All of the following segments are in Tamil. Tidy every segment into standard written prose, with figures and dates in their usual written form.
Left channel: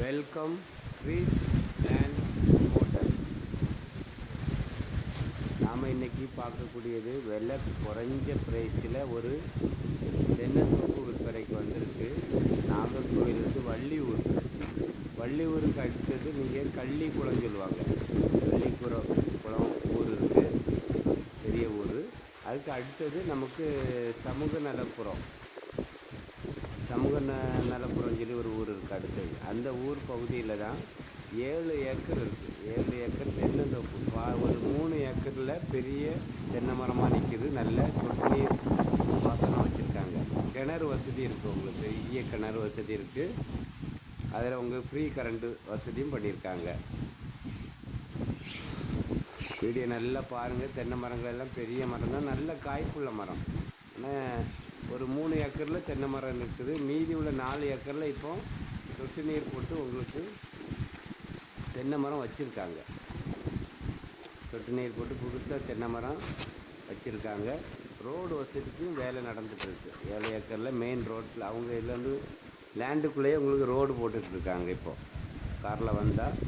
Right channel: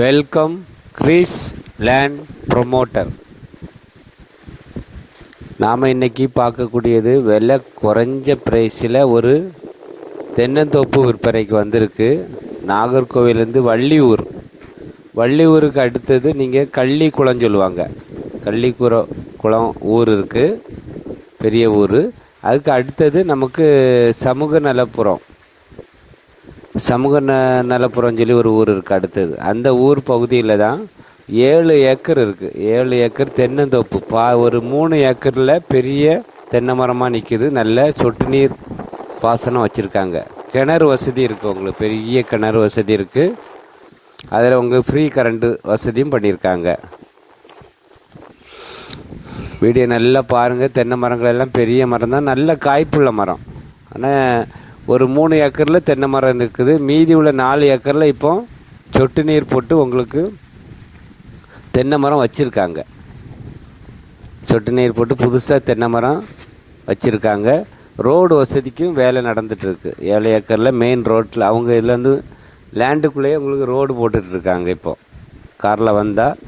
Welcome Chris land promoter. நாம் இன்றைக்கி பார்க்கக்கூடியது விலை குறைஞ்ச ப்ரைஸில் ஒரு தென்னந்தோப்பு விற்பனைக்கு வந்திருக்கு. நாகர்கோவிலேருந்து வள்ளியூருக்கு அடுத்தது நீங்கள் கள்ளிக்குளம் சொல்லுவாங்க. குளம் ஊர் இருக்குது, பெரிய ஊர். அதுக்கு அடுத்தது நமக்கு சமூக நலப்புறம் சொல்லி ஒரு ஊர் இருக்குது. அடுத்தது அந்த ஊர் பகுதியில் தான் 7 ஏக்கர் இருக்குது. 7 ஏக்கர் தென்னந்தோப்பு. ஒரு 3 ஏக்கரில் பெரிய தென்னை மரமாக நிற்கிது. நல்ல சொட்டு நீர் பாசனம் வச்சுருக்காங்க. கிணறு வசதி இருக்குது, உங்களுக்கு பெரிய கிணறு வசதி இருக்குது. அதில் உங்களுக்கு ஃப்ரீ கரண்ட்டு வசதியும் பண்ணியிருக்காங்க. வீடியோ நல்லா பாருங்கள். தென்னை மரங்கள் எல்லாம் பெரிய மரம் தான், நல்ல காய்ப்புள்ள மரம். ஆனால் ஒரு 3 ஏக்கரில் தென்னை மரம் இருக்குது. மீதி உள்ள 4 ஏக்கரில் இப்போ சொட்டு நீர் போட்டு உங்களுக்கு தென்னை மரம் வச்சுருக்காங்க. சொட்டு நீர் போட்டு புதுசாக தென்னை மரம் வச்சுருக்காங்க. ரோடு வசதிக்கும் வேலை நடந்துகிட்ருக்கு. 7 ஏக்கரில் மெயின் ரோட்டில் அவங்க இதுலேருந்து லேண்டுக்குள்ளேயே உங்களுக்கு ரோடு போட்டுட்ருக்காங்க. இப்போது காரில் வந்தால்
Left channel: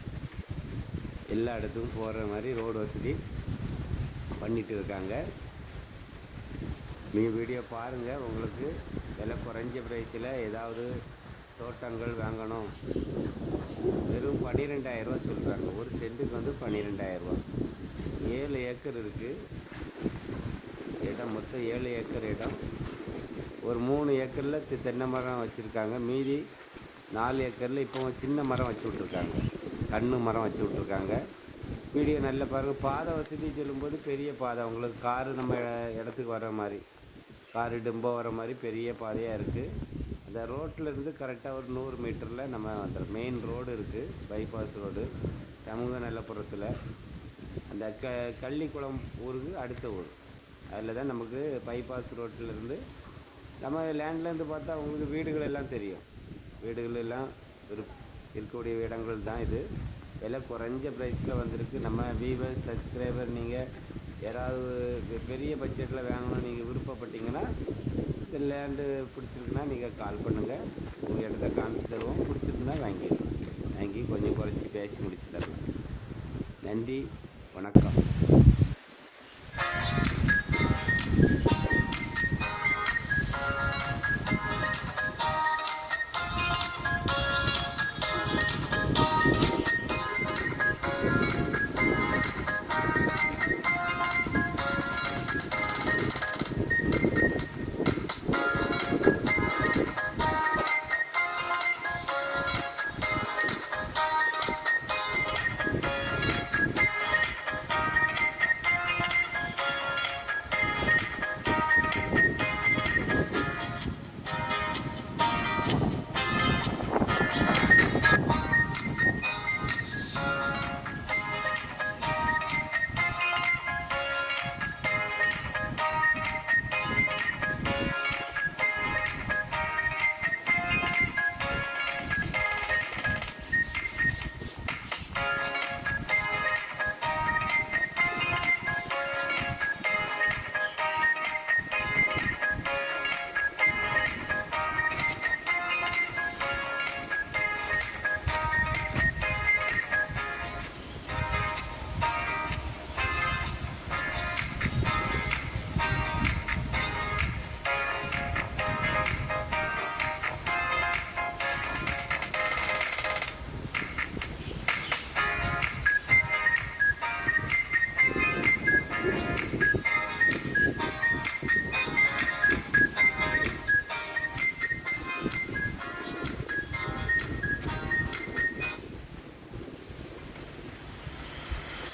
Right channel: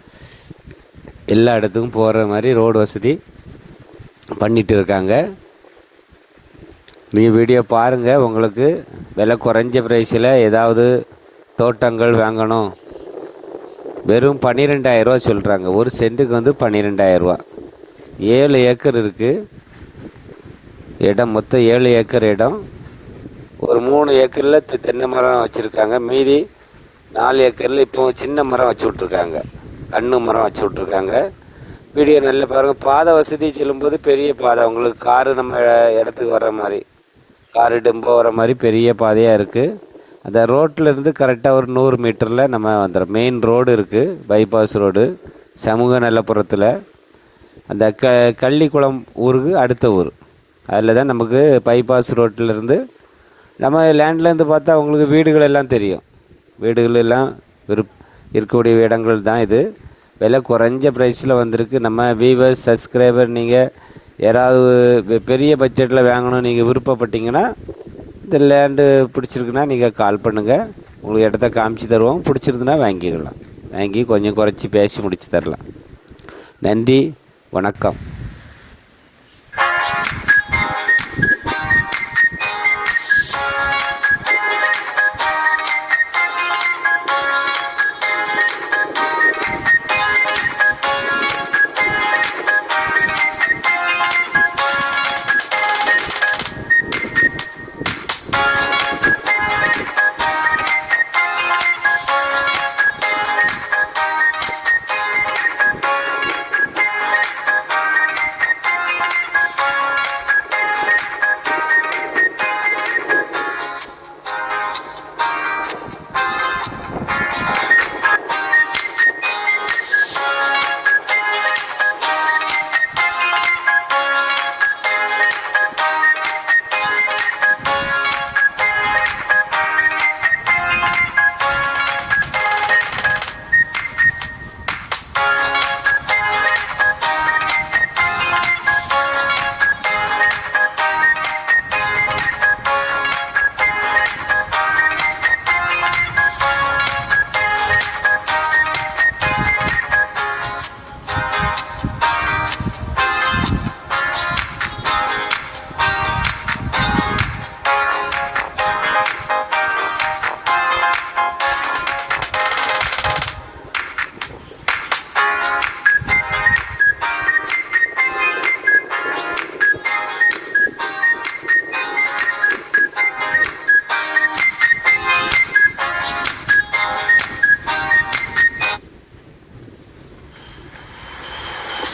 எல்லா இடத்துக்கும் போகிற மாதிரி ரோடு வசதி பண்ணிகிட்டு இருக்காங்க. நீங்கள் வீடியோ பாருங்கள். உங்களுக்கு விலை குறைஞ்ச ப்ரைஸில் ஏதாவது தோட்டங்கள் வாங்கணும். வெறும் 12,000 ரூபா சொல்கிறாங்க. ஒரு சென்ட்டுக்கு வந்து 12,000 ரூபா. 7 ஏக்கர் இருக்குது இடம். மொத்தம் 7 ஏக்கர் இடம். ஒரு 3 ஏக்கரில் தென்னை மரம் வச்சுருக்காங்க. மீதி 4 ஏக்கரில் இப்போ சின்ன மரம் வச்சு விட்ருக்காங்க, கண்ணு மரம் வச்சு விட்ருக்காங்க. வீடியோ நல்ல பாருங்கள். பாதை வசதி சொல்லும்போது பெரிய பாதை, உங்களுக்கு காரு நம்ம இடத்துக்கு வர்ற மாதிரி, காரு டெம்போ வர மாதிரி பெரிய பாதையாக இருக்குது. அந்த ரோட்டில் இருந்து கரெக்டாக ஒரு 100 மீட்டரில் நம்ம வந்துடும். மெயின் ரோடு இருக்குது, பைபாஸ் ரோடு, சமூக நலப்புறத்தில். அந்த கள்ளிக்குளம் ஊருக்கு அடுத்த ஊர், அதில் தான் நமக்கு பைபாஸ் ரோட்டிலேருந்து நம்ம லேண்ட்லேருந்து பார்த்தா உங்களுக்கு வீடுகள் எல்லாம் தெரியும். வீடுகள் எல்லாம் இருக்கக்கூடிய இடங்கள் தான் இது. விலை குறைஞ்ச ப்ரைஸில் வந்திருக்கு. நம்ம வியூவர்ஸ், சப்ஸ்கிரைபர், நீங்கள் யாராவது பெரிய பட்ஜெட்டில் வாங்கணும் நீங்கள் விருப்பப்பட்டீங்கன்னா, இந்த லேண்டு பிடிச்சிருக்குன்னா நீங்கள் கால் பண்ணுங்கள். உங்களுக்கு இடத்த காமிச்சு தருவோம். பிடிச்சிருந்துன்னா வாங்கிக்கலாம். வாங்கி கொஞ்சம் குறைச்சி பேசி முடிச்சு தரலாம். நன்றி, வணக்கம்.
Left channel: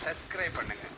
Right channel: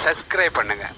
சப்ஸ்கிரைப் பண்ணுங்கள்.